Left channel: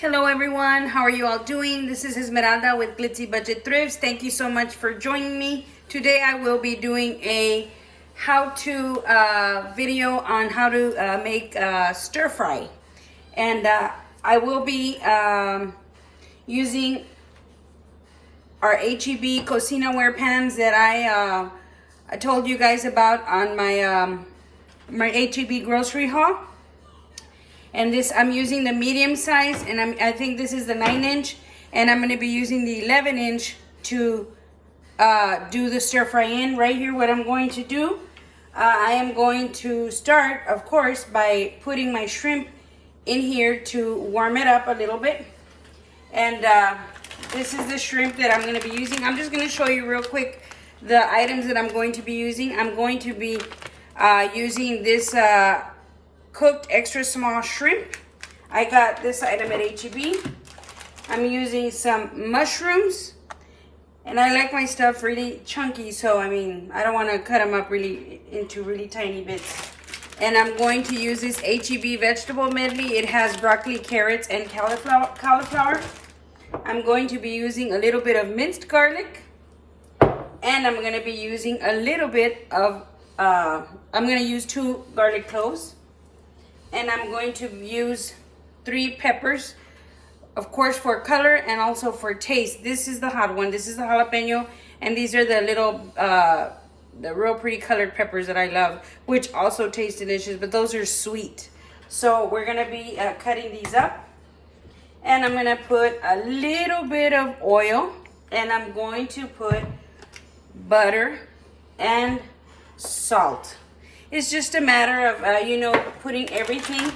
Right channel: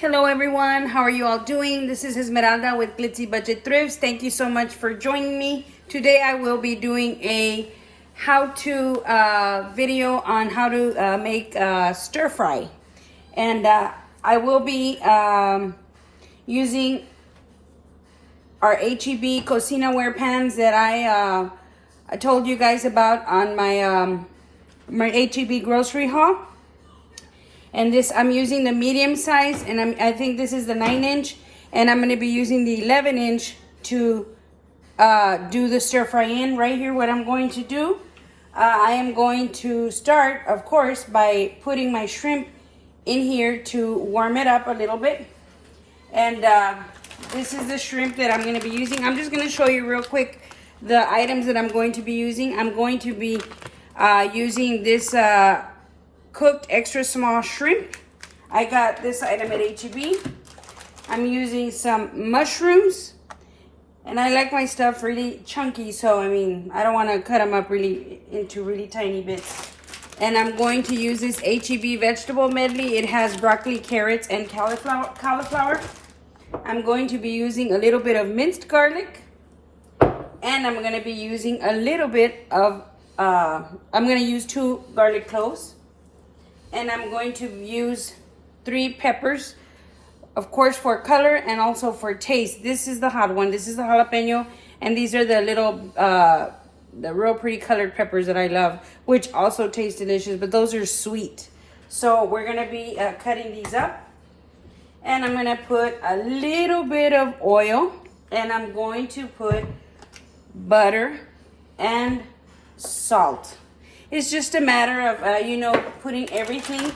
Hello everyone, how are you all doing? This is Esmeralda with Glitzy Budget Thrifts. Thank you so much for joining me. Today I will be doing a how-to video on how to make stir fry. And I will be using our HEB Cocinaware pans that I told you guys about on my HEB grocery haul. And this, I'm using the medium size, and I think this is the 9-inch, and I'm going to be using the 11-inch to do the stir fry in. Right here, what I'm going to do, I am going to start, of course, by putting my shrimp in here to warm it up a little bit. And this is the shrimp that I'm going to be using. I'm just going to show you real quick the items that I'm going to be using. I'm going to be using this cooked extra small shrimp. I got this item at HEB. I'm using some mushrooms, and I like my stuff really chunky, so I mean I don't want to cut them up into really tiny bits. And I'm going to use this HEB vegetable medley. It has broccoli, carrots, and cauliflower. I'm going to be using a little bit of minced garlic, and I'm going to be using a little bit of I'm going to use 2 garlic cloves. And I'm going to use 3 peppers, of course, for color and also for taste. This is the hot one. This is the jalapeno. And these are the little, the real pretty colored peppers that I love, which also taste delicious, but those are sweet. So we're going to be cutting these up. And I'm going to put a little bit of oil. And I'm going to put butter and salt. It's just a matter of, you know, putting everything,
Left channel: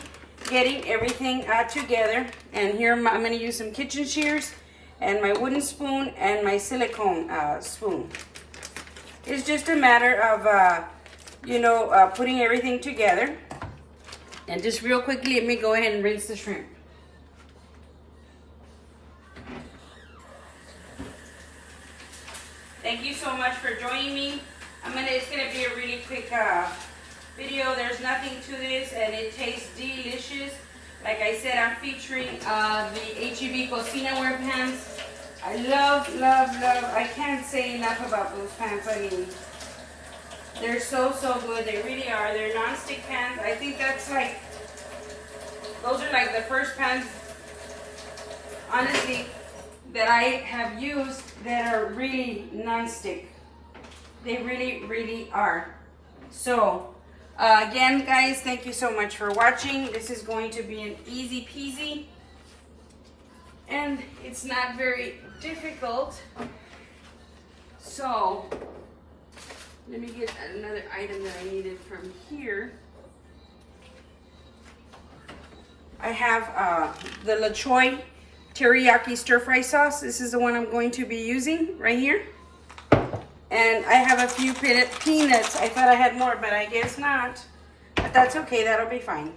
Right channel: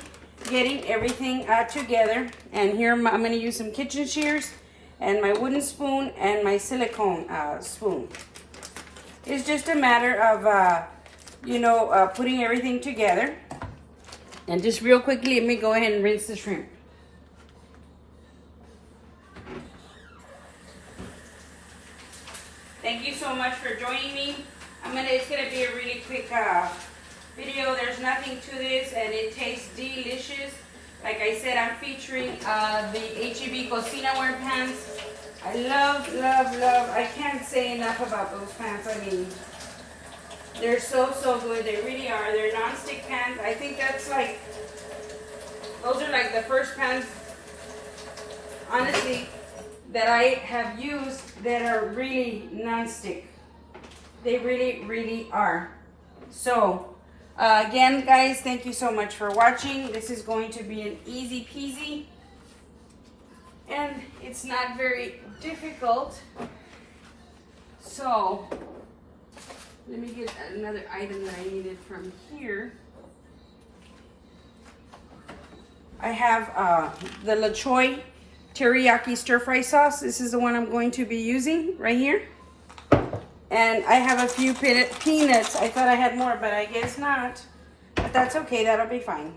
getting everything together. And here I'm going to use some kitchen shears and my wooden spoon and my silicone spoon. It's just a matter of, you know, putting everything together. And just real quickly, let me go ahead and rinse the shrimp. Thank you so much for joining me. It's going to be a really quick video. There's nothing to this, and it tastes delicious. Like I said, I'm featuring the HEB Cocinaware pans. I love, love, love. I can't say enough about those pans. I mean, they're so, so good. They really are. They're non-stick pans. I think that's like, those are like the first pans, honestly, that I have used that are really non-stick. They really, really are. So, again, guys, thank you so much for watching. This is going to be an easy peasy, and it's not very difficult. So let me get another item that I needed from here. I have the Choy Teriyaki stir fry sauce. This is the one I'm going to be using right here. And I have a few peanuts. I thought I had more, but I guess not. But that's okay. That'll be fine.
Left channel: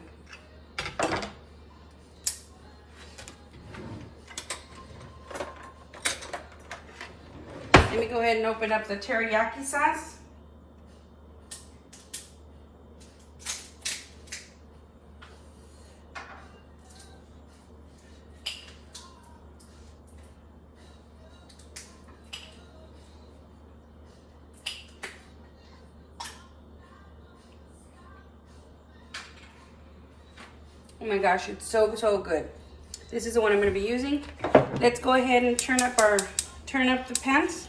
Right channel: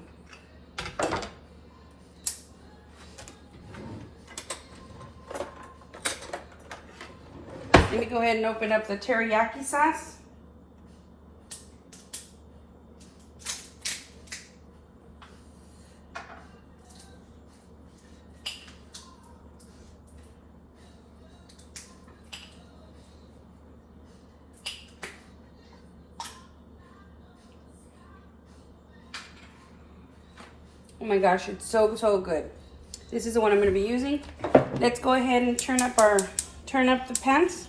Let me go ahead and open up the teriyaki sauce. Oh my gosh, it's so, so good. This is the one I'm going to be using. Let's go ahead and turn up the pans.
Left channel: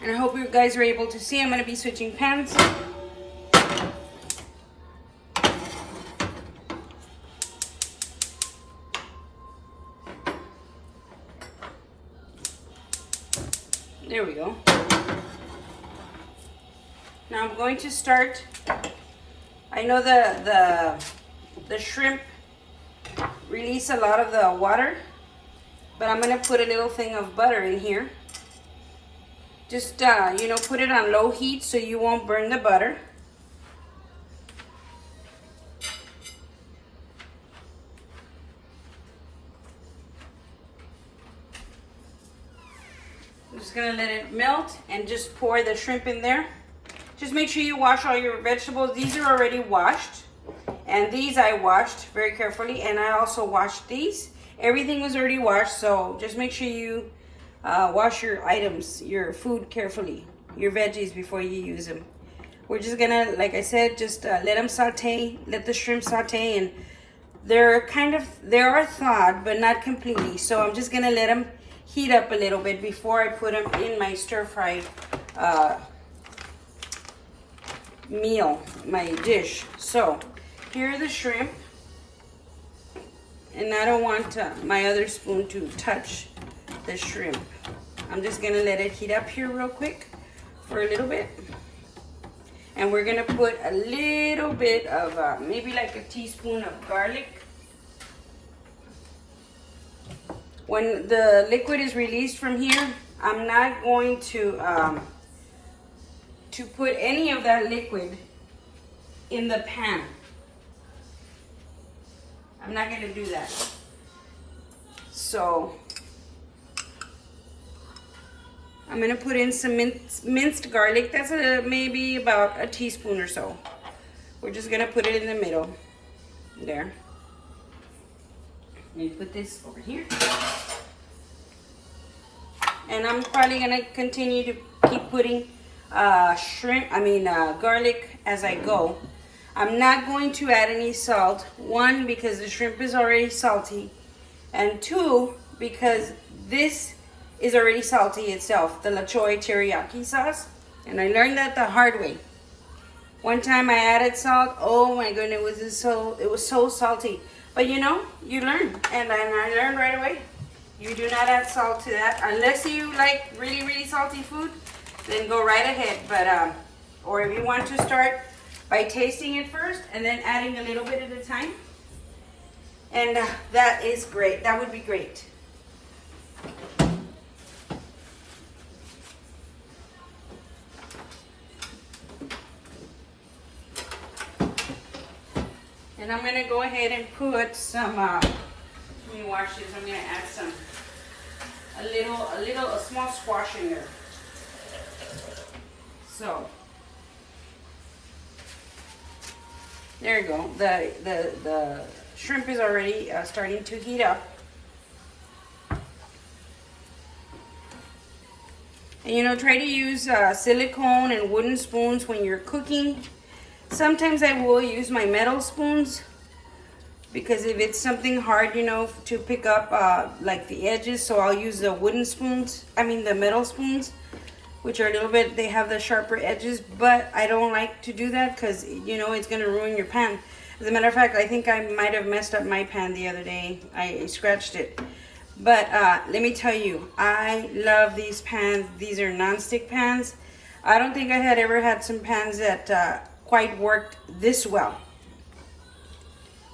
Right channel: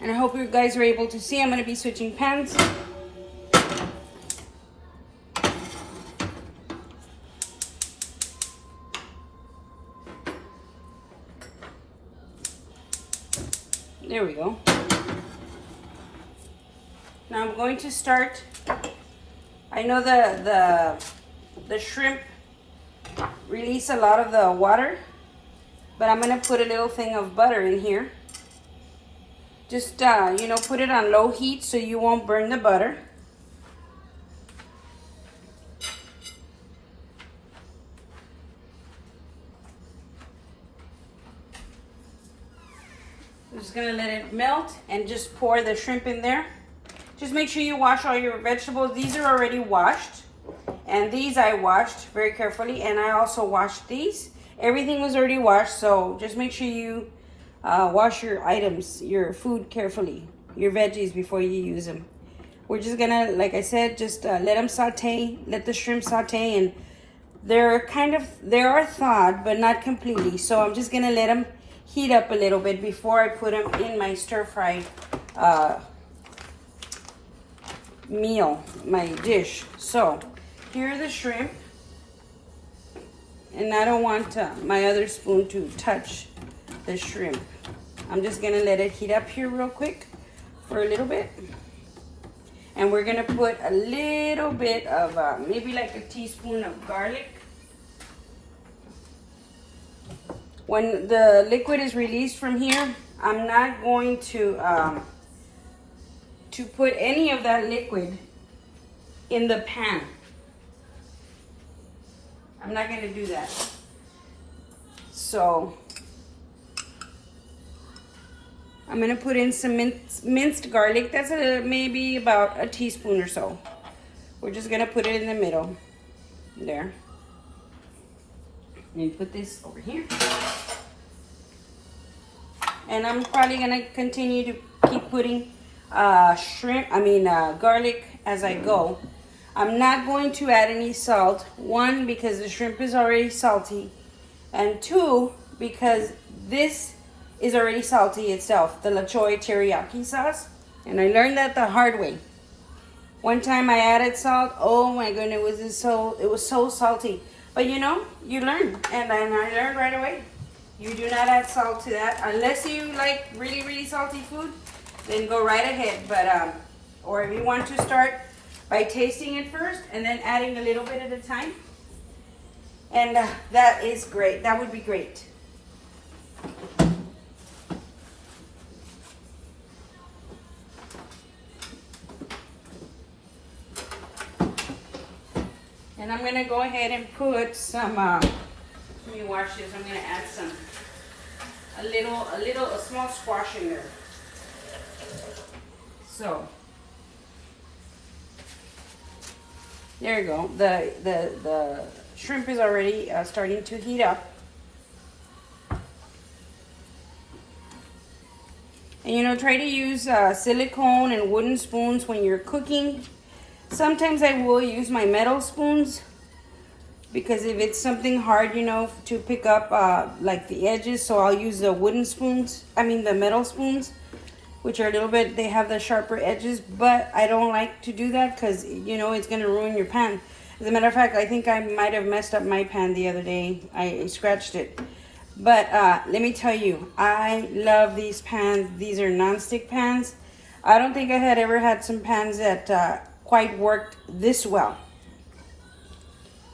And I hope you guys are able to see. I'm going to be switching pans. There we go. Now I'm going to start. I know the shrimp release a lot of the water, but I'm going to put a little thing of butter in here. Just, you know, put it on low heat so you won't burn the butter. I'm just going to let it melt and just pour the shrimp in there. Just make sure you wash all your vegetables. These are already washed. And these I washed very carefully, and I also washed these. Everything was already washed, so just make sure you wash your items, your food carefully, your veggies before you use them. We're just gonna, like I said, just let them saute, let the shrimp saute, and they are thawed, but not completely. So I'm just gonna let them heat up a little bit before I put them in my stir-fry meal, my dish. So here are the shrimp, and I don't want my other spoon to touch the shrimp. I'm just gonna let it heat up here real quick for a little bit. And we're gonna put a little bit of, maybe like a teaspoon of garlic. When the liquid is released from here, I'm not going to put any of that liquid in the pan. I'm not gonna do that. So I'm gonna put in some minced garlic. That's maybe about a teaspoon or so. We're just gonna put it in the middle, there. Let me put this over here. And I'm probably gonna continue to keep putting garlic as I go. I'm not going to add any salt. One, because the shrimp is already salty. And two, because this is already salty itself, the Choy teriyaki sauce. And I learned that the hard way. One time I added salt. Oh my goodness, it was so salty. But you know, you learn. And I learned right away. You do not add salt to that unless you like really, really salty food. Then go right ahead. But or if you want to start by tasting it first and then adding a little bit at a time. And that is great. That would be great. And I'm gonna go ahead and put some, let me wash this. I'm gonna add a small squash in there. So, there you go. The shrimp is already starting to heat up. And you know, try to use silicone and wooden spoons when you're cooking. Sometimes I will use my metal spoons because if it's something hard, you know, to pick up like the edges, so I'll use the the metal spoons, which are a little bit, they have the sharper edges, but I don't like to do that because, you know, it's going to ruin your pan. As a matter of fact, I think I might have messed up my pan the other day. I scratched it. But let me tell you, I love these pans. These are non-stick pans. I don't think I had ever had some pans that quite worked this well.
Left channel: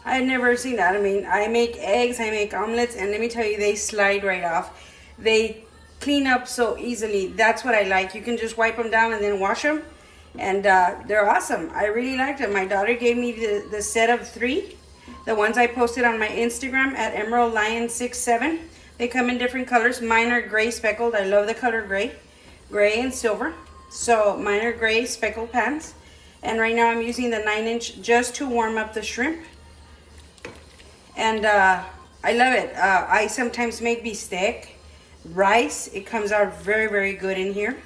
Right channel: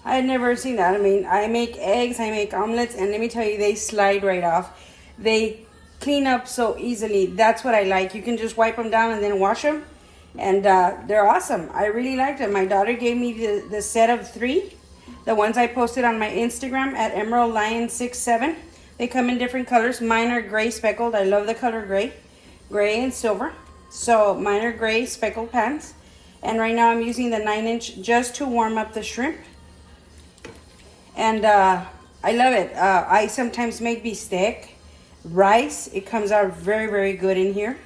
I had never seen that. I mean, I make eggs, I make omelets, and let me tell you, they slide right off. They clean up so easily. That's what I like. You can just wipe them down and then wash them. And they're awesome. I really liked them. My daughter gave me the set of 3. The ones I posted on my Instagram at Emerald Lion 67. They come in different colors. Mine are gray speckled. I love the color gray. Gray and silver. So mine are gray speckled pans. And right now I'm using the 9-inch just to warm up the shrimp. And I love it. I sometimes make bistec. Rice, it comes out very, very good in here.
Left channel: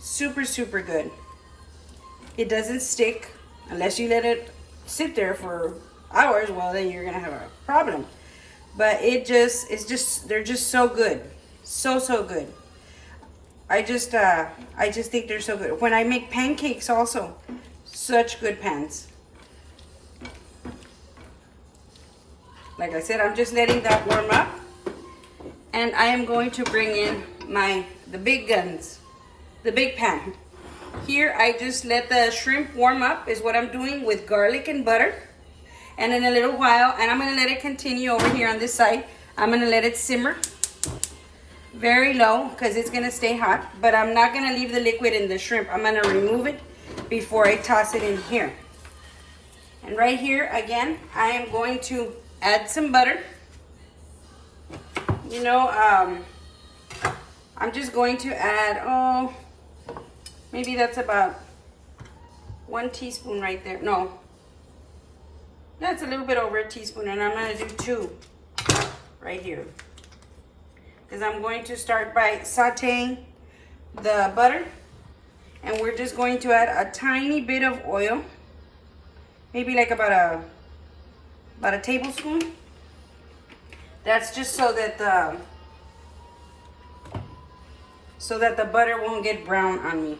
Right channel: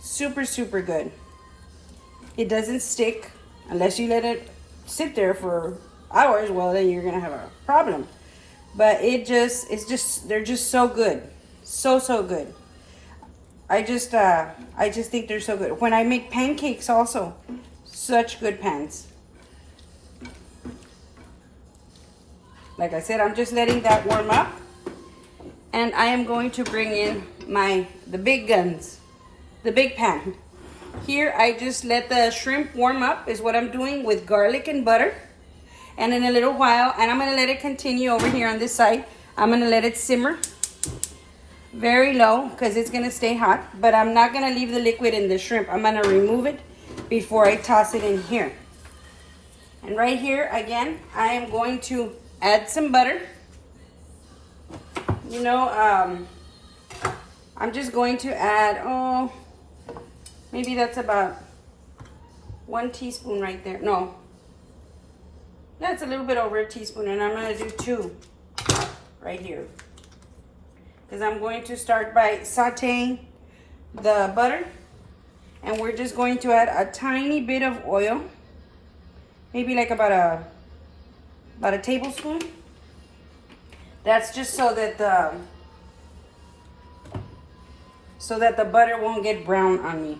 Super, super good. It doesn't stick unless you let it sit there for hours. Well, then you're gonna have a problem. But they're just so good. So good. I just think they're so good. When I make pancakes also, such good pans. Like I said, I'm just letting that warm up. And I am going to bring in the big guns, the big pan. Here, I just let the shrimp warm up, is what I'm doing with garlic and butter. And in a little while, and I'm gonna let it continue over here on this side. I'm gonna let it simmer very low because it's gonna stay hot, but I'm not gonna leave the liquid in the shrimp. I'm gonna remove it before I toss it in here. And right here, again, I am going to add some butter. You know, I'm just going to add, maybe that's about 1 teaspoon right there. No, that's a little bit over a teaspoon, and I'm gonna do 2 right here. Because I'm going to start by sauteing the butter, and we're just going to add a tiny bit of oil, maybe like about a tablespoon. That's just so that the butter won't get brown on me.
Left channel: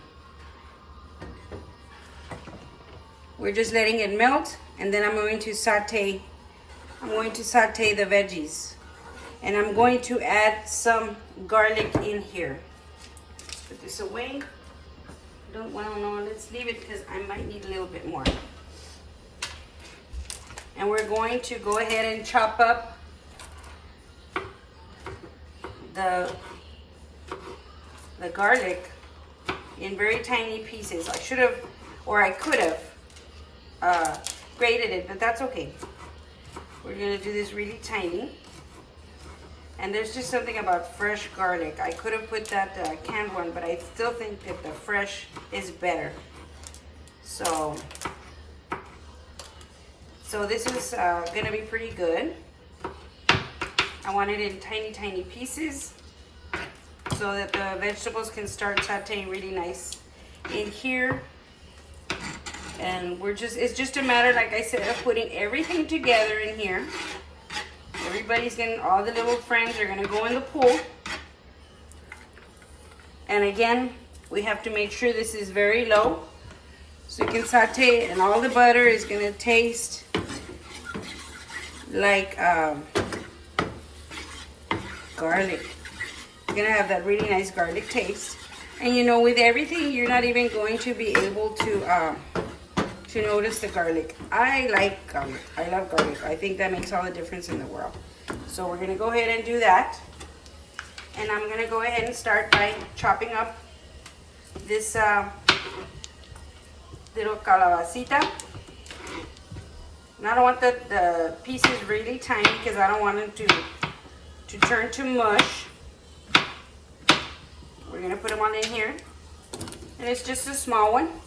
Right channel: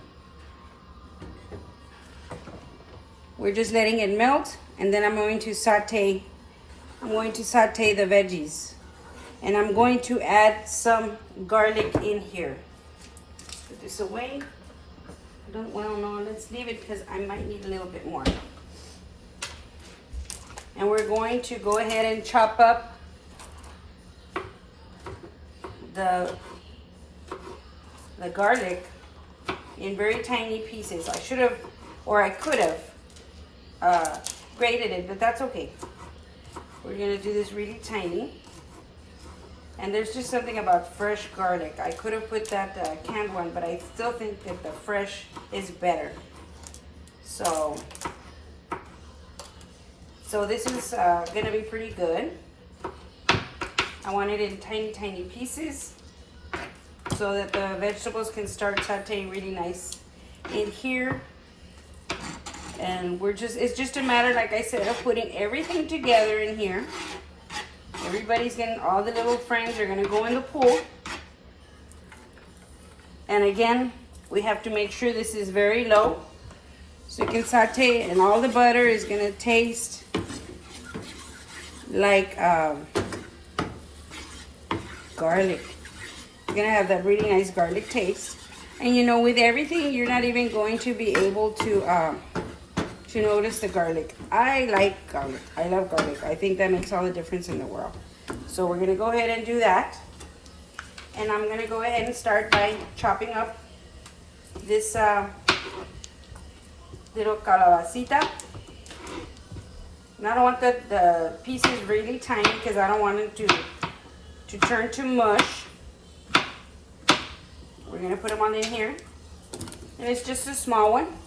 We're just letting it melt, and then I'm going to saute the veggies. And I'm going to add some garlic in here. Let's put this away. Well, no, let's leave it because I might need a little bit more. And we're going to go ahead and chop up the garlic in very tiny pieces. I should have, or I could have grated it, but that's okay. We're gonna do this really tiny. And there's just something about fresh garlic. I could have put that canned one, but I still think that the fresh is better. So this is gonna be pretty good. I want it in tiny, tiny pieces so that the vegetables can start sauteing really nice in here. And it's just a matter, like I said, of putting everything together in here. Everybody's getting, all the little frames are gonna go in the pool. And again, we have to make sure this is very low so you can saute it, and all the butter is gonna taste like garlic. You're gonna have that really nice garlic taste. And you know, with everything, you're not even going to be able to notice the garlic. I like garlic. I love garlic. I think that makes all the difference in the world. So we're gonna go ahead and do that. And I'm gonna go ahead and start by chopping up this little calabacita. And I don't want the pieces really tiny because I don't want them to turn to mush. We're gonna put them on in here. And it's just a small one.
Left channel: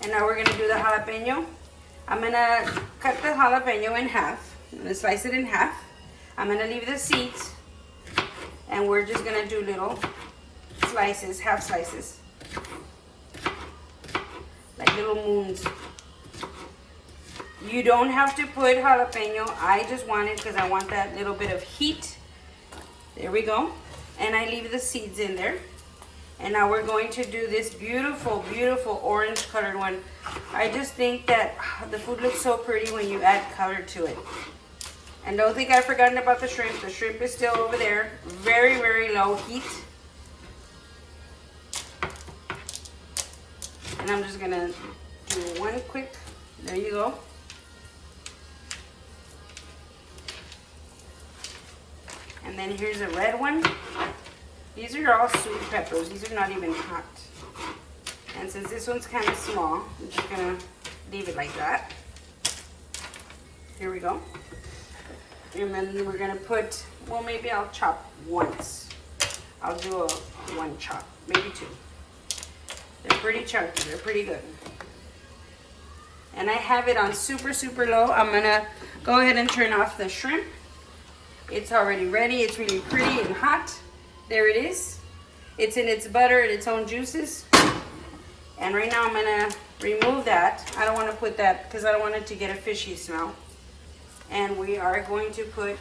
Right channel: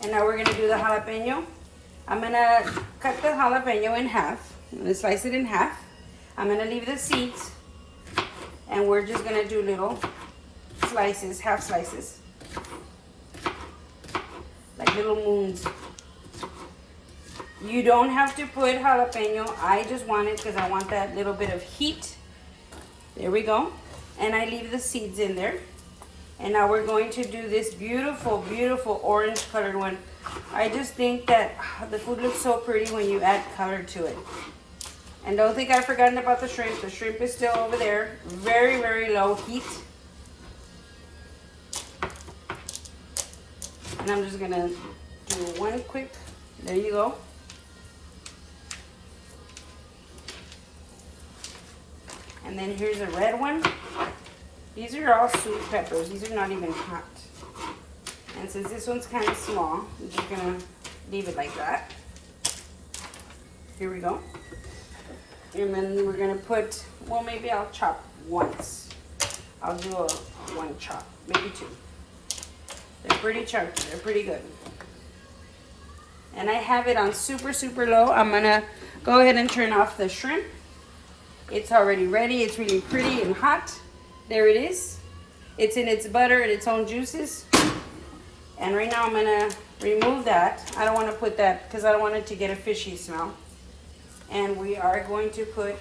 And now we're gonna do the jalapeno. I'm gonna cut the jalapeno in half. I'm gonna slice it in half. I'm gonna leave the seeds. And we're just gonna do little slices, half slices. Like little moons. You don't have to put jalapeno. I just want it because I want that little bit of heat. There we go. And I leave the seeds in there. And now we're going to do this beautiful, beautiful orange colored one. I just think that the food looks so pretty when you add color to it. And don't think I've forgotten about the shrimp. The shrimp is still over there. Very, very low heat. And I'm just gonna do one quick, there you go. And then here's a red one. These are all sweet peppers. These are not even hot. And since this one's kind of small, I'm just gonna leave it like that. Here we go. And then we're gonna put, well, maybe I'll chop once. I'll do one chop, maybe 2. They're pretty chunky, they're pretty good. And I have it on super, super low. I'm gonna go ahead and turn off the shrimp. It's already ready, it's really pretty and hot. There it is. It's in its butter and its own juices. And right now I'm gonna remove that. I don't wanna put that because I don't want it to get a fishy smell. And we are going to put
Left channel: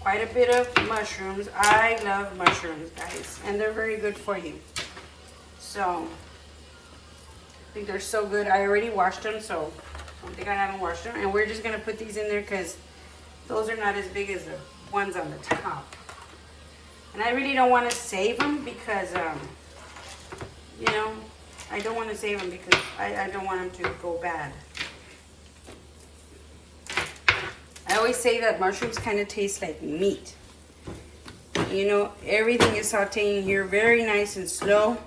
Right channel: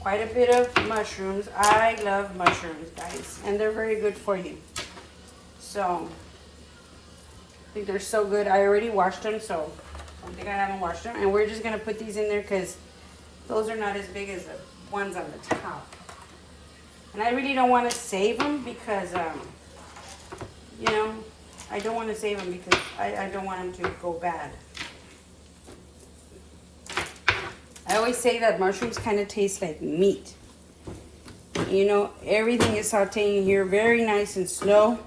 quite a bit of mushrooms. I love mushrooms, guys, and they're very good for you. So, I think they're so good. I already washed them, so I don't think I haven't washed them. And we're just gonna put these in there because those are not as big as the ones on the top. And I really don't want to save them because, you know, I don't want to save them because I don't want them to go bad. I always say that mushrooms kind of taste like meat. You know, everything is sauteing here very nice and slow.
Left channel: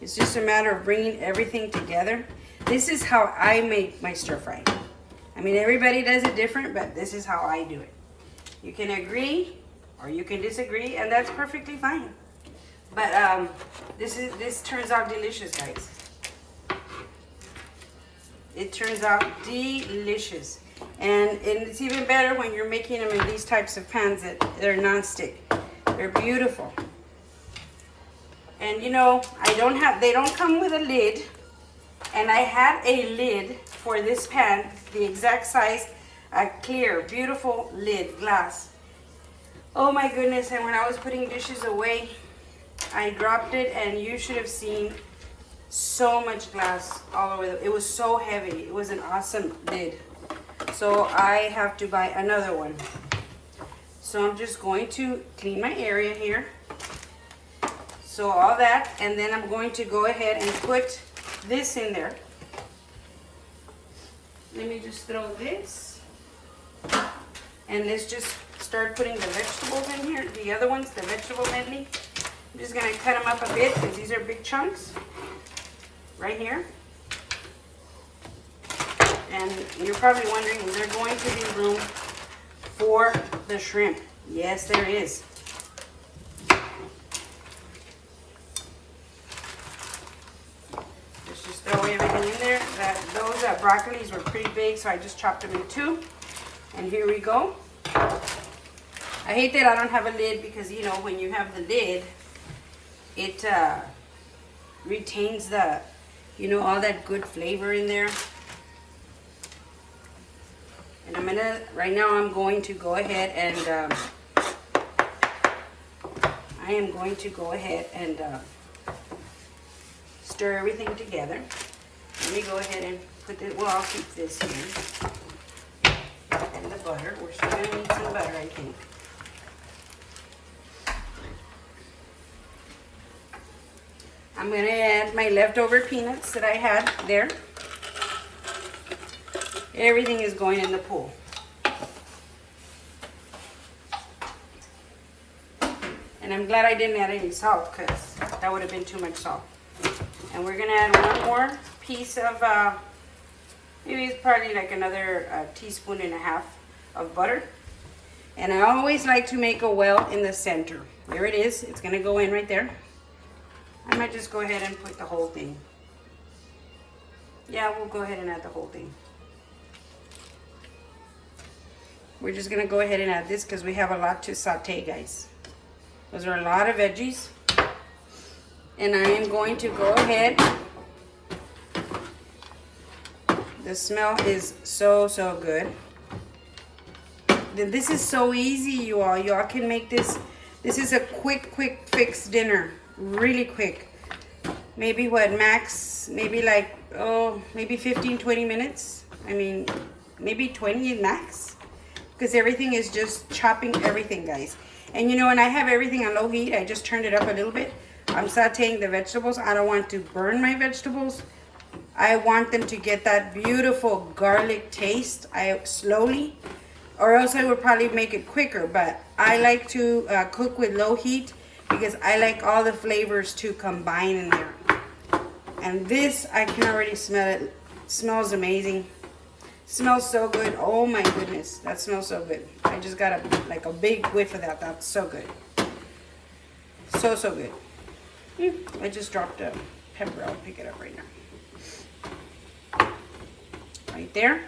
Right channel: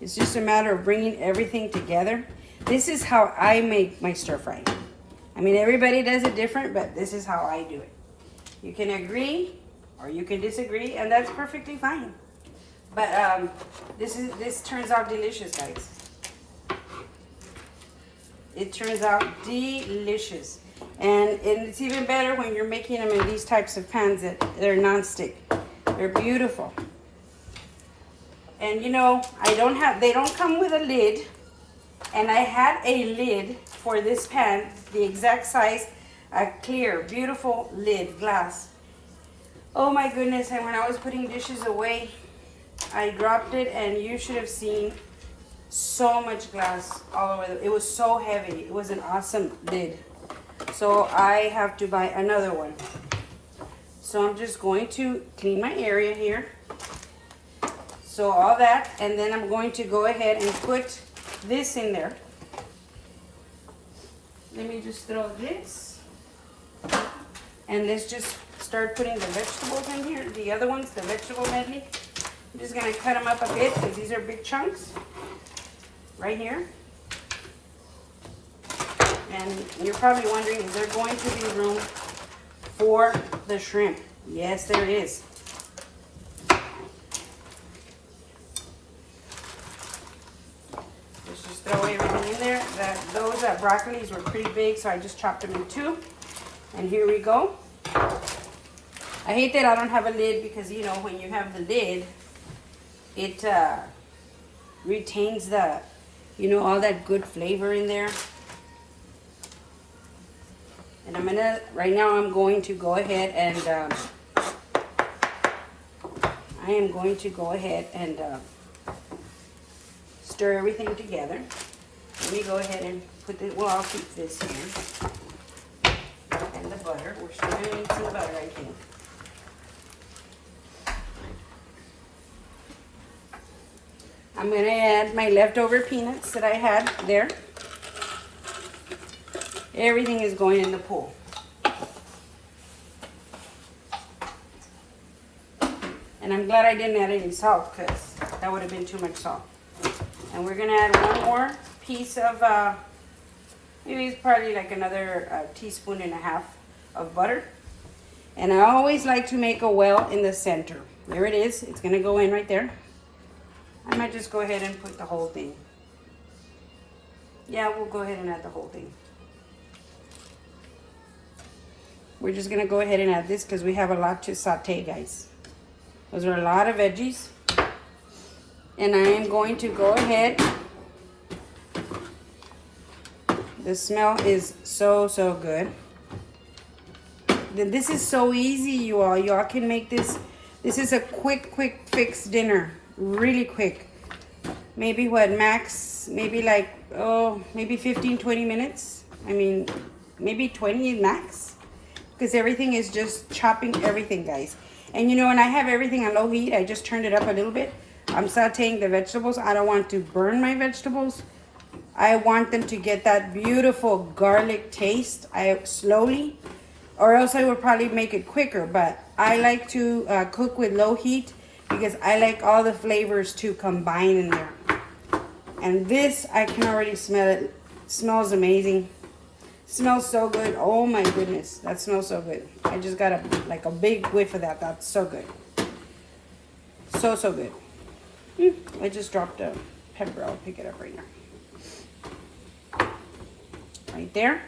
It's just a matter of bringing everything together. This is how I make my stir fry. I mean, everybody does it different, but this is how I do it. You can agree or you can disagree, and that's perfectly fine. But this turns out delicious, guys. It turns out delicious. And it's even better when you're making them in these types of pans that they're non-stick. They're beautiful. And you know, they don't come with a lid. And I had a lid for this pan, the exact size, a clear, beautiful lid, glass. Oh my goodness, and when I was putting dishes away, I dropped it and you should have seen so much glass all over. It was so heavy. It was an awesome lid. So I have to buy another one. So I'm just going to clean my area here. So all that, and then I'm going to go ahead and put this in there. Let me just throw this. And let's just start putting the vegetables in here. The other ones, the vegetable medley. I'm just gonna cut them up a bit because these are big chunks. Right here. And you're probably wondering, is there going to be room for the shrimp? Yes, there is. Let's just throw everything in there. Those broccolis were pretty big, so I just chopped them in two. And here we go. I hate that I don't have a lid because, you know, when you have the lid, it retains the, you know, all that good flavor in there. And right now I'm going to go ahead and, stir everything together. Let me go ahead and put it, well, I'll keep this here. And the butter, we're still gonna need some butter, I think. I'm gonna add my leftover peanuts that I had there. Everything is going in the pool. And I'm glad I didn't add any salt because that would have been too much salt. And we're gonna add one more piece of, maybe it's probably like another teaspoon and a half of butter. And I always like to make a well in the center. There it is, it's gonna go in right there. I might just go ahead and put the whole thing. Yeah, we'll go ahead and add the whole thing. We're just gonna go ahead and add this because we have a lot to saute, guys. Those are a lot of veggies. And I am going to go ahead. The smell is so, so good. This is so easy, you all. Y'all can make this. This is a quick fix dinner. Really quick. Maybe what, max? Maybe like, maybe 15, 20 minutes. I mean, maybe 20 max. Because everything is just chopping everything, guys. And you know, when I have everything on low heat, I just turned it up a little bit. I'm sauteing the vegetables. I don't want to burn my vegetables. I want them to get that beautiful garlic taste. Slowly, or else I would probably make it quicker. But I like to cook with low heat because I like all the flavors to combine in there. And this, I can already smell it. It smells amazing. Smells so good. Oh my goodness, that smells so good. I just got a big whiff of that. That's so good. So good. I just dropped a pepper. I'll pick it up right now. Right there.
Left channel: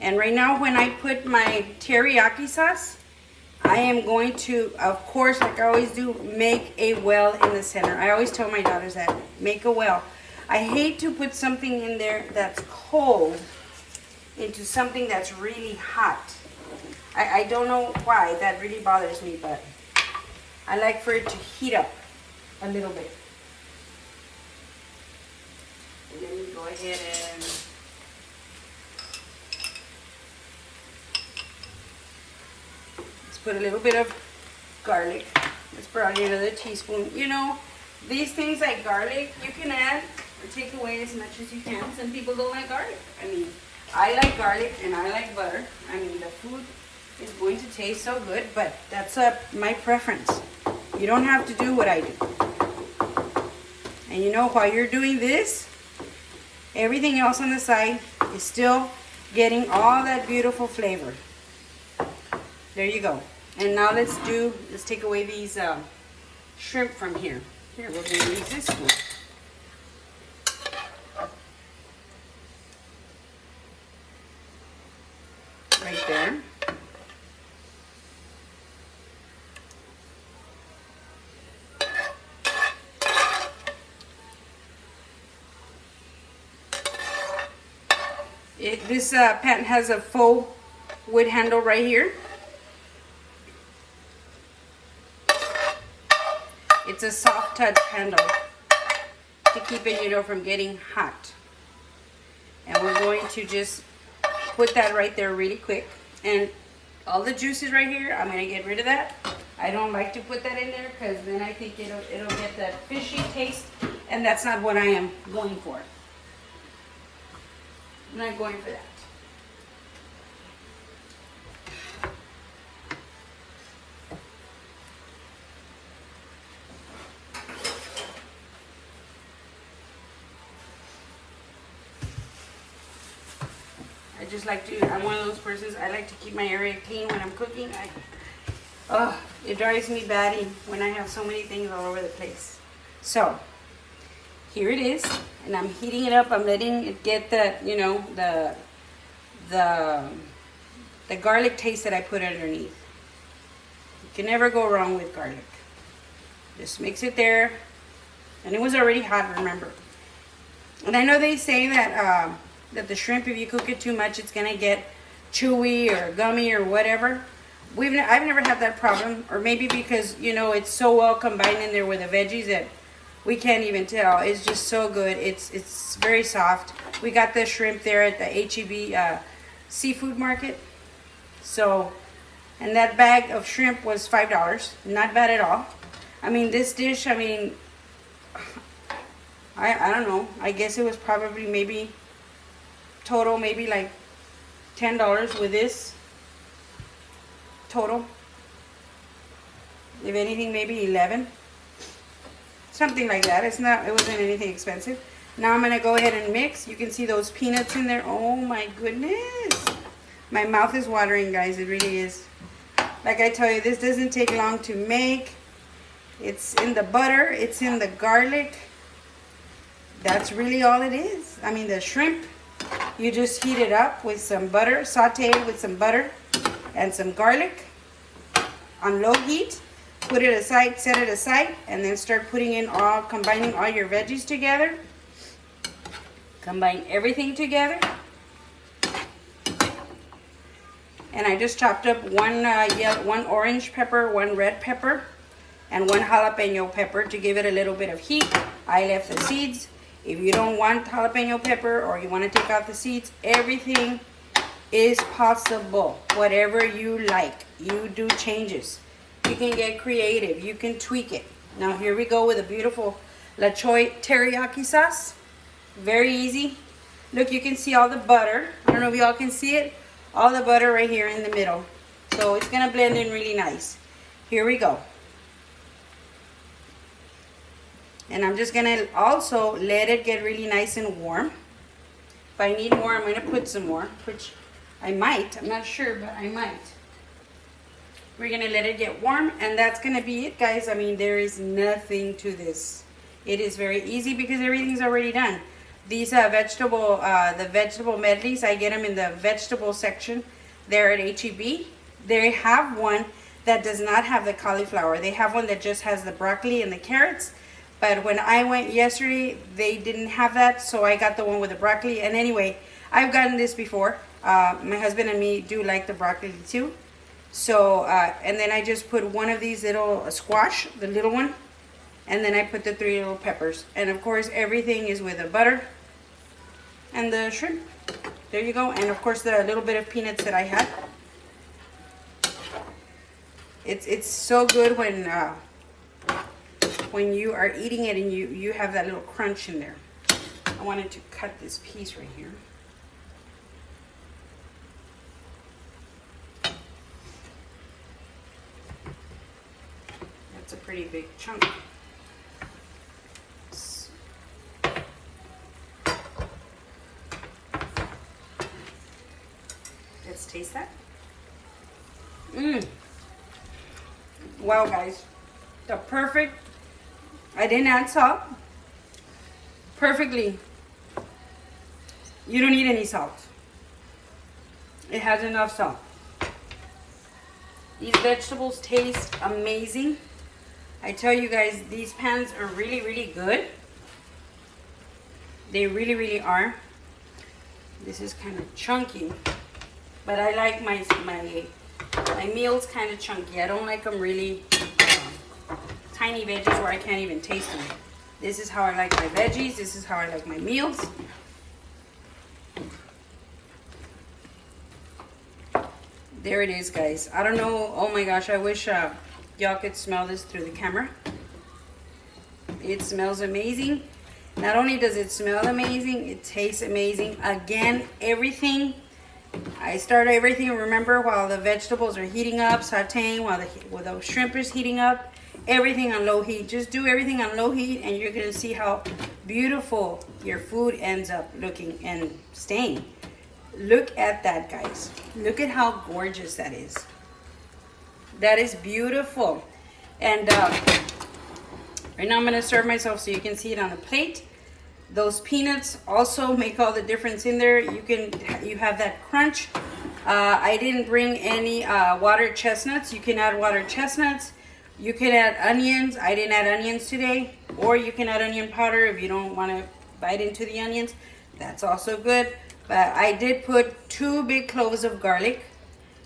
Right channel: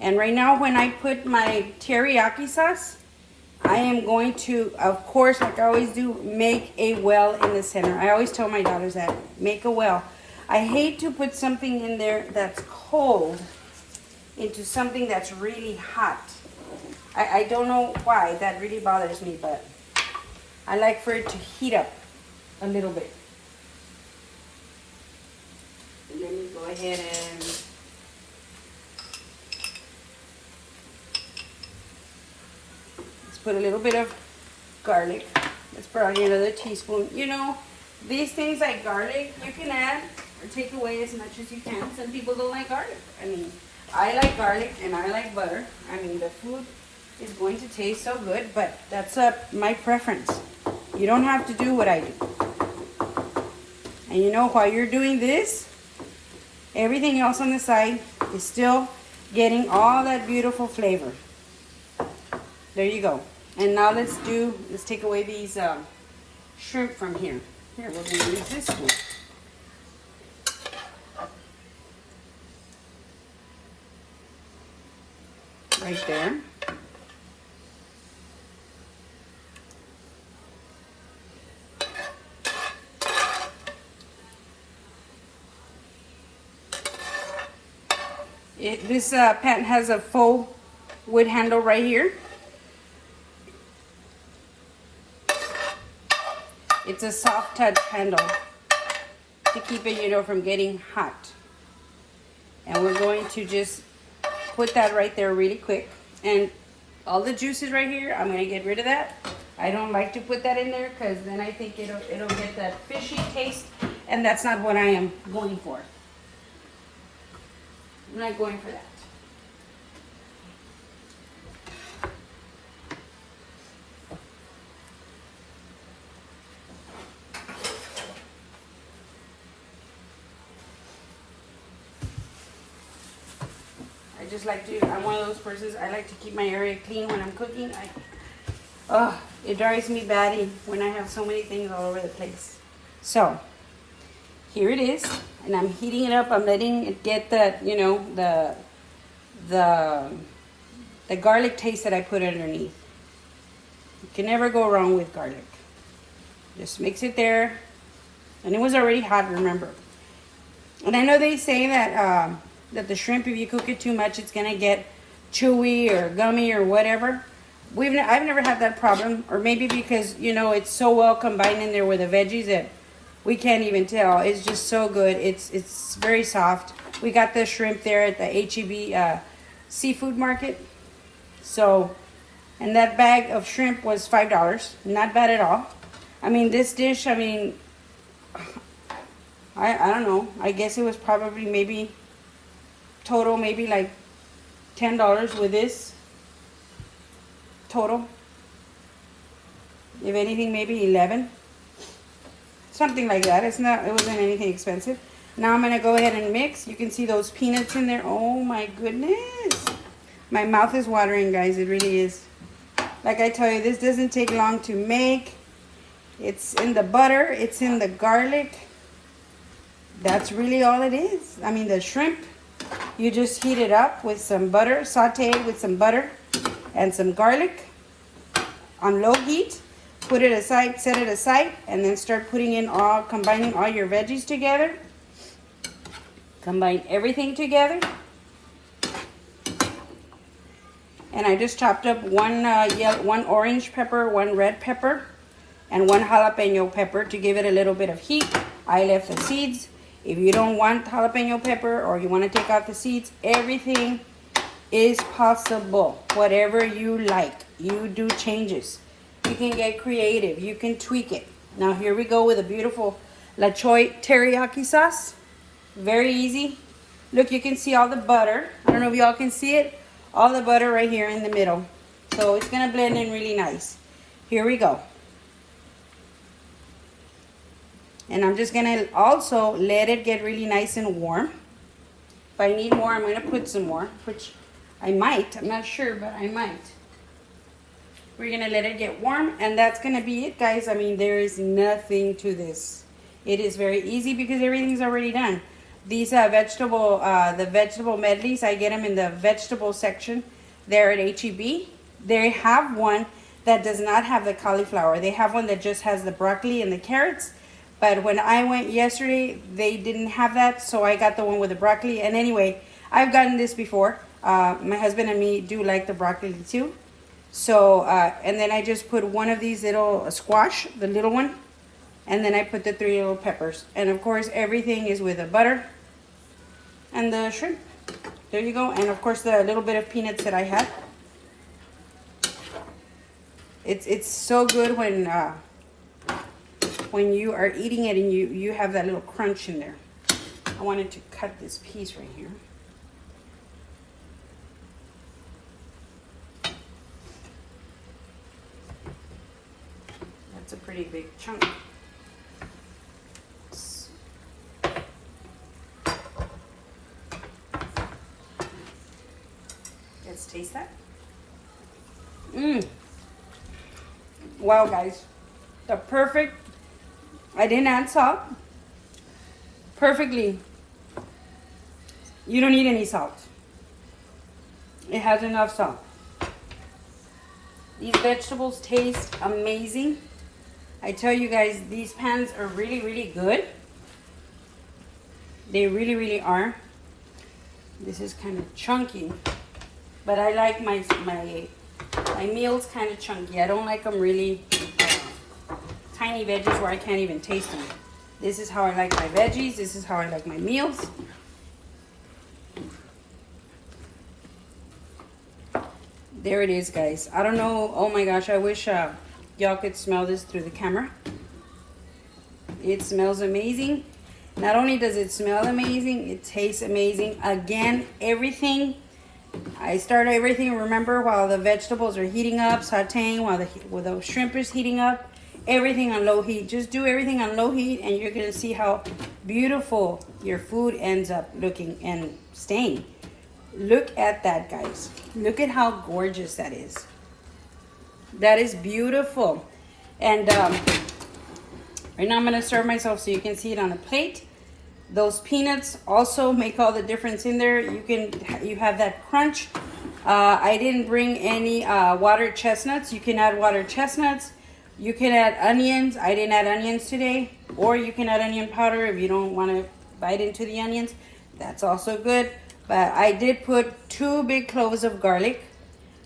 And right now when I put my teriyaki sauce, I am going to, of course, like I always do, make a well in the center. I always tell my daughters that, make a well. I hate to put something in there that's cold into something that's really hot. I don't know why that really bothers me, but I like for it to heat up a little bit. And then you go ahead and let's put a little bit of garlic. Let's put on another teaspoon. You know, these things like garlic, you can add or take away as much as you can. Some people don't like garlic. I mean, I like garlic and I like butter. I mean, the food is going to taste so good, but that's my preference. You don't have to do what I do. And you know, while you're doing this, everything else on the side is still getting all that beautiful flavor. There you go. And now let's take away these shrimp from here. Here, we're going to use this one. Right there. This pan has a faux wood handle right here. It's a soft touch handle to keep it, you know, from getting hot. And we're going to just put that right there really quick. And all the juices right here, I'm going to get rid of that. I don't like to put that in there because then I think it'll get that fishy taste, and that's not what I am going for. I'm not going for that. I just like to, I'm one of those persons, I like to keep my area clean when I'm cooking. It drives me batty when I have so many things all over the place. So, here it is, and I'm heating it up. I'm letting it get that, you know, the garlic taste that I put underneath. You can never go wrong with garlic. Just mix it there, and it was already hot, remember. And I know they say that that the shrimp, if you cook it too much, it's gonna get chewy or gummy or whatever. I've never had that problem, or maybe because, you know, it's so well combined in there with the veggies that we can't even tell. It's just so good. It's very soft. We got the shrimp there at the H-E-B seafood market. So, and that bag of shrimp was $5. Not bad at all. I mean, this dish, I mean, I don't know. I guess it was probably maybe total, maybe like $10 with this. Total. If anything, maybe 11. Something like that. It wasn't anything expensive. Now I'm gonna go ahead and mix. You can see those peanuts in there. Oh my goodness. My mouth is watering, guys. It really is. Like I tell you, this doesn't take long to make. It's in the butter. It's in the garlic. That's really all it is. I mean, the shrimp, you just heat it up with some butter, saute it with some butter and some garlic on low heat. Put it aside, set it aside, and then start putting in combining all your veggies together. Combine everything together. And I just chopped up one orange pepper, one red pepper, and one jalapeno pepper to give it a little bit of heat. I left the seeds. If you don't want jalapeno pepper or you want to take out the seeds, everything is possible. Whatever you like, you do changes. You can get creative. You can tweak it. Now here we go with a beautiful Choy teriyaki sauce. Very easy. Look, you can see all the butter. I don't know if y'all can see it. All the butter right here in the middle. So it's going to blend in really nice. Here we go. And I'm just going to also let it get really nice and warm. If I need more, I'm going to put some more, which I might. I'm not sure, but I might. We're going to let it get warm, and that's going to be it, guys. I mean, there is nothing to this. It is very easy because everything's already done. These the vegetable medleys, I get them in the vegetable section there at H-E-B. They have one that does not have the cauliflower. They have one that just has the broccoli and the carrots. But when I went yesterday, they didn't have that, so I got the one with the broccoli. And anyway, I've gotten this before. My husband and me do like the broccoli too. So, and then I just put one of these little squash, the little one, and then I put the 3 little peppers. And of course, everything is with the butter and the shrimp. There you go. And of course, the little bit of peanuts that I had. It's so good when you are eating it and you have that little crunch in there. I wanted to cut this piece right here. That's a pretty big chunk. Let's taste that. Wow, guys. The perfect I didn't add salt. Perfectly. You don't need any salt. It has enough salt. These vegetables taste amazing. I tell you guys, these pans are really, really good. They really, really are. This is kind of chunky, but I like my meals kind of chunky. I don't like them really tiny veggies where I can't even taste them. This is how I like my veggies. This is how I like my meals. There it is, guys. I don't know. Oh my gosh, I wish y'all could smell this through the camera. It smells amazing. Not only does it smell amazing, it tastes amazing. Again, everything. I start everything, remember, while the vegetables are heating up, sauteing, while the shrimp is heating up. Everything on low heat. Just do everything on low heat and you're going to see how beautiful your food ends up looking and staying. Look at that, guys. Look at how gorgeous that is. That is beautiful. And right now I'm going to serve myself so you can see it on the plate. Those peanuts also make all the difference in there. You have that crunch. I didn't bring any watered chestnuts. You can add watered chestnuts. You can add onions. I didn't add onions today. Or you can add onion powder if you don't want to bite into the onions. That's also good. But I did put 2 big cloves of garlic,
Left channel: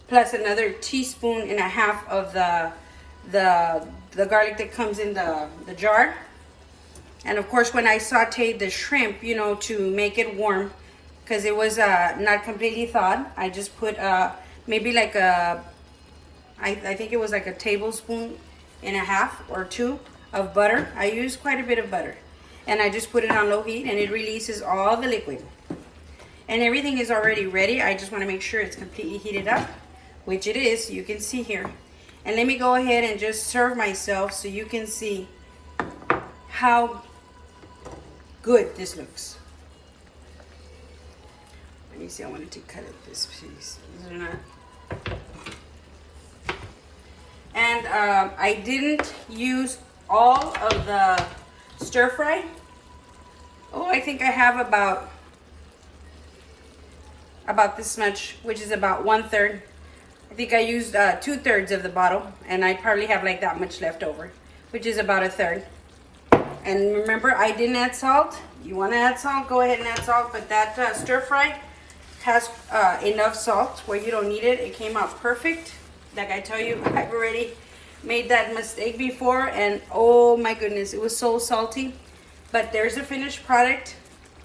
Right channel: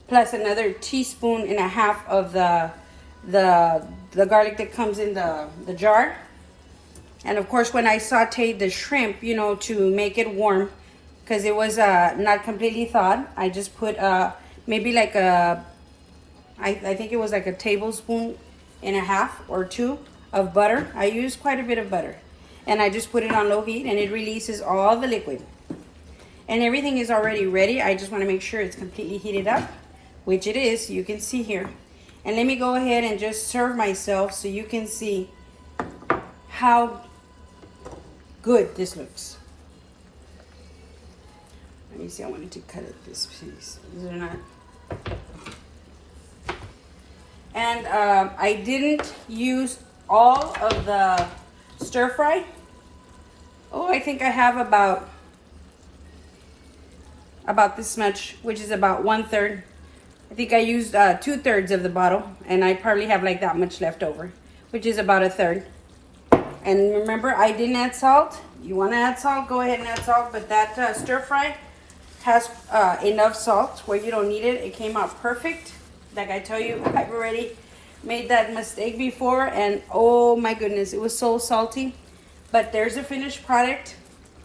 plus another teaspoon and a half of the garlic that comes in the jar. And of course, when I sauteed the shrimp, you know, to make it warm, because it was not completely thawed, I just put maybe like I think it was like a tablespoon and a half or 2 of butter. I use quite a bit of butter. And I just put it on low heat and it releases all the liquid. And everything is already ready. I just want to make sure it's completely heated up, which it is. You can see here. And let me go ahead and just serve myself so you can see how good this looks. Let me see. I wanted to cut it this piece. These are not. And I didn't use all of the stir fry. Oh, I think I have about this much, which is about 1/3. I think I used 2/3 of the bottle, and I probably have like that much left over, which is about 1/3. And remember, I didn't add salt. You want to add salt, go ahead and add salt, but that stir fry has enough salt where you don't need it. It came out perfect. Like I tell you, I've already made that mistake before, and oh my goodness, it was so salty. But there's a finished product.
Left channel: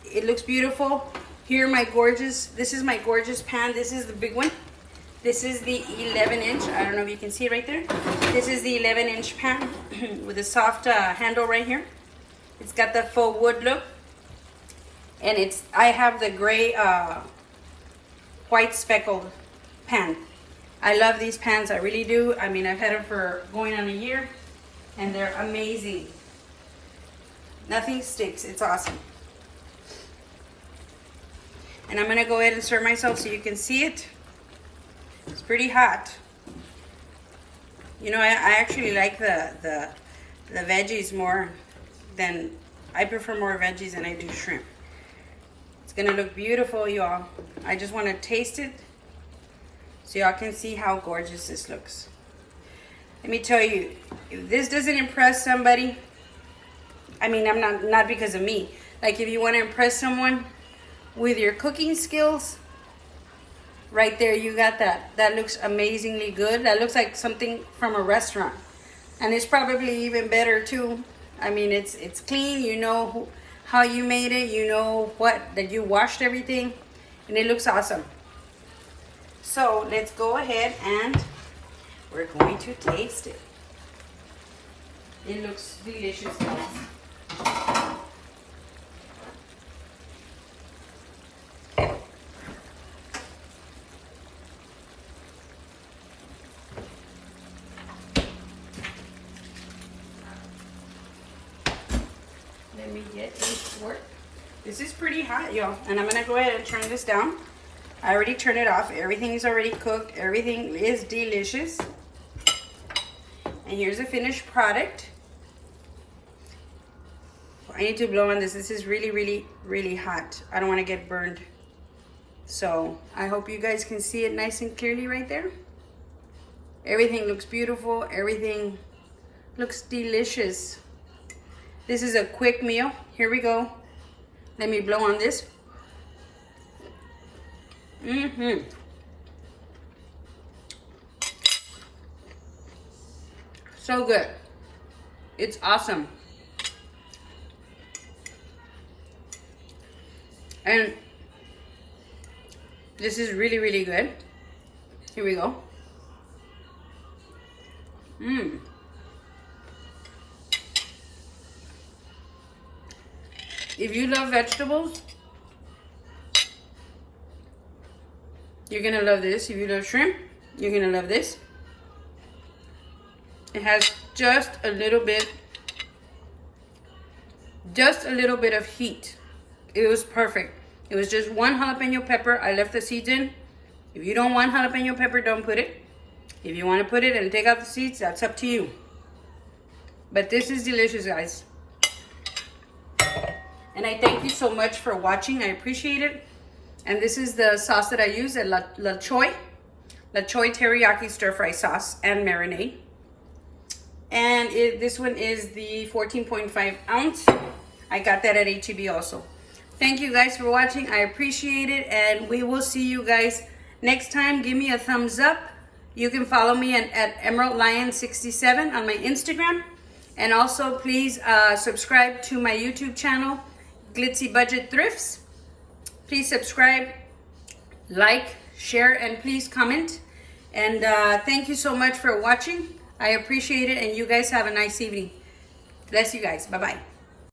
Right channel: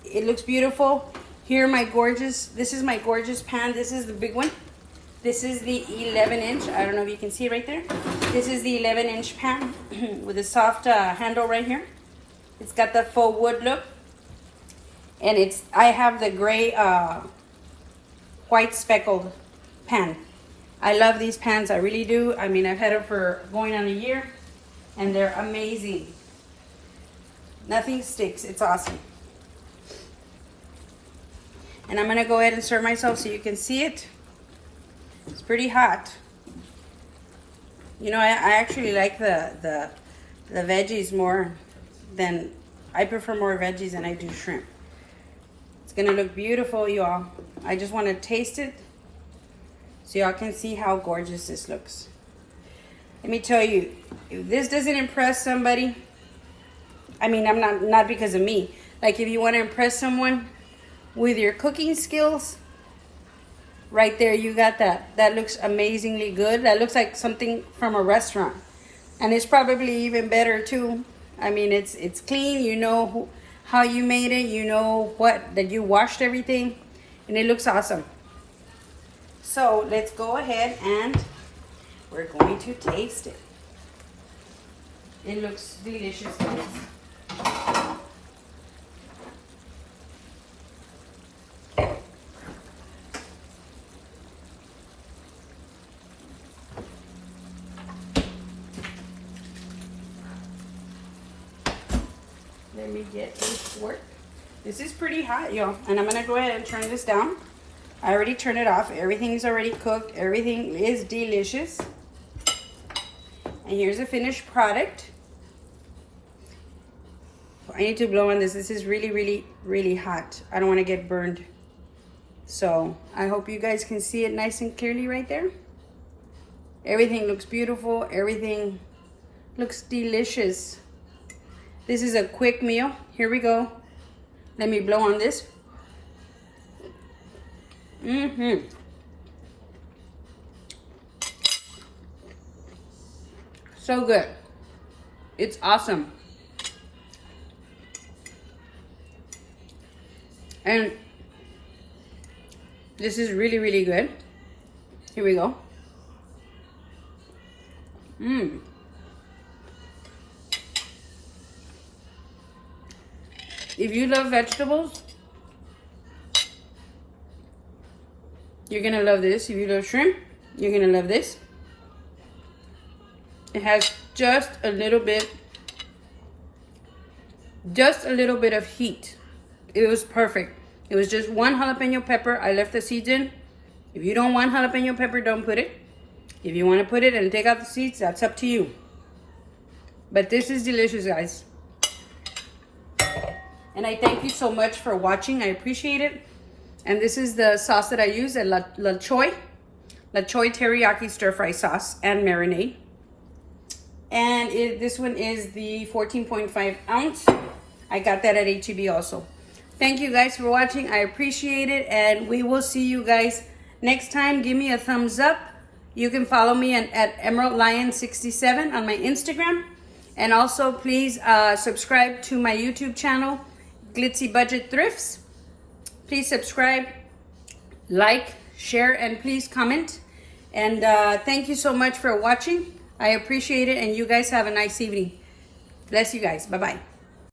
It looks beautiful. Here, this is my gorgeous pan. This is the big one. This is the 11-inch. I don't know if you can see it right there. This is the 11-inch pan with a soft handle right here. It's got the faux wood look. And I have the gray, white speckled pan. I love these pans, I really do. I mean, I've had it for going on a year, and they're amazing. Nothing sticks, it's awesome. And I'm gonna go ahead and serve myself so you can see it. It's pretty hot. You know, I actually like the veggies more than, I prefer more veggies than I do shrimp. It's gonna look beautiful, y'all. I just wanna taste it so y'all can see how gorgeous this looks. Let me tell you, if this doesn't impress somebody, I mean, I'm not because of me. Like, if you wanna impress someone with your cooking skills, right there, you got that. That looks amazingly good. That looks like something from a restaurant. And it's probably even better too. I mean, it's clean. You know how you made it. You know that you washed everything. And it looks awesome. So let's go ahead and we're going to taste it. It looks delicious, guys. Let me get this fork. This is pretty hot, y'all. And I'm going to go ahead and turn this down. I already turned it off. Everything's already cooked. Everything is delicious. And here's a finished product. I need to blow on this. This is really, really, really hot. I don't want to get burned. So I hope you guys can see it nice and clearly right there. Everything looks beautiful. Everything looks delicious. This is a quick meal. Here we go. Let me blow on this. So good. It's awesome. And this is really, really good. Here we go. If you love vegetables, you're gonna love this. If you love shrimp, you're gonna love this. It has just a little bit of heat. It was perfect. It was just one jalapeno pepper. I left the seeds in. If you don't want jalapeno pepper, don't put it. If you want to put it and take out the seeds, that's up to you. But this is delicious, guys. And I thank you so much for watching. I appreciate it. And this is the sauce that I use, the Choy Teriyaki Stir Fry Sauce and Marinade. And this one is the 14.5 ounce. I got that at HEB also. Thank you guys for watching. I appreciate it. And we will see you guys next time. Give me a thumbs up. You can follow me at Emerald Lion 67 on my Instagram. And also please subscribe to my YouTube channel, Glitzy Budget Thrifts. Please subscribe, like, share, and please comment. And thank you so much for watching. I appreciate it, and you guys have a nice evening. Bless you guys. Bye-bye.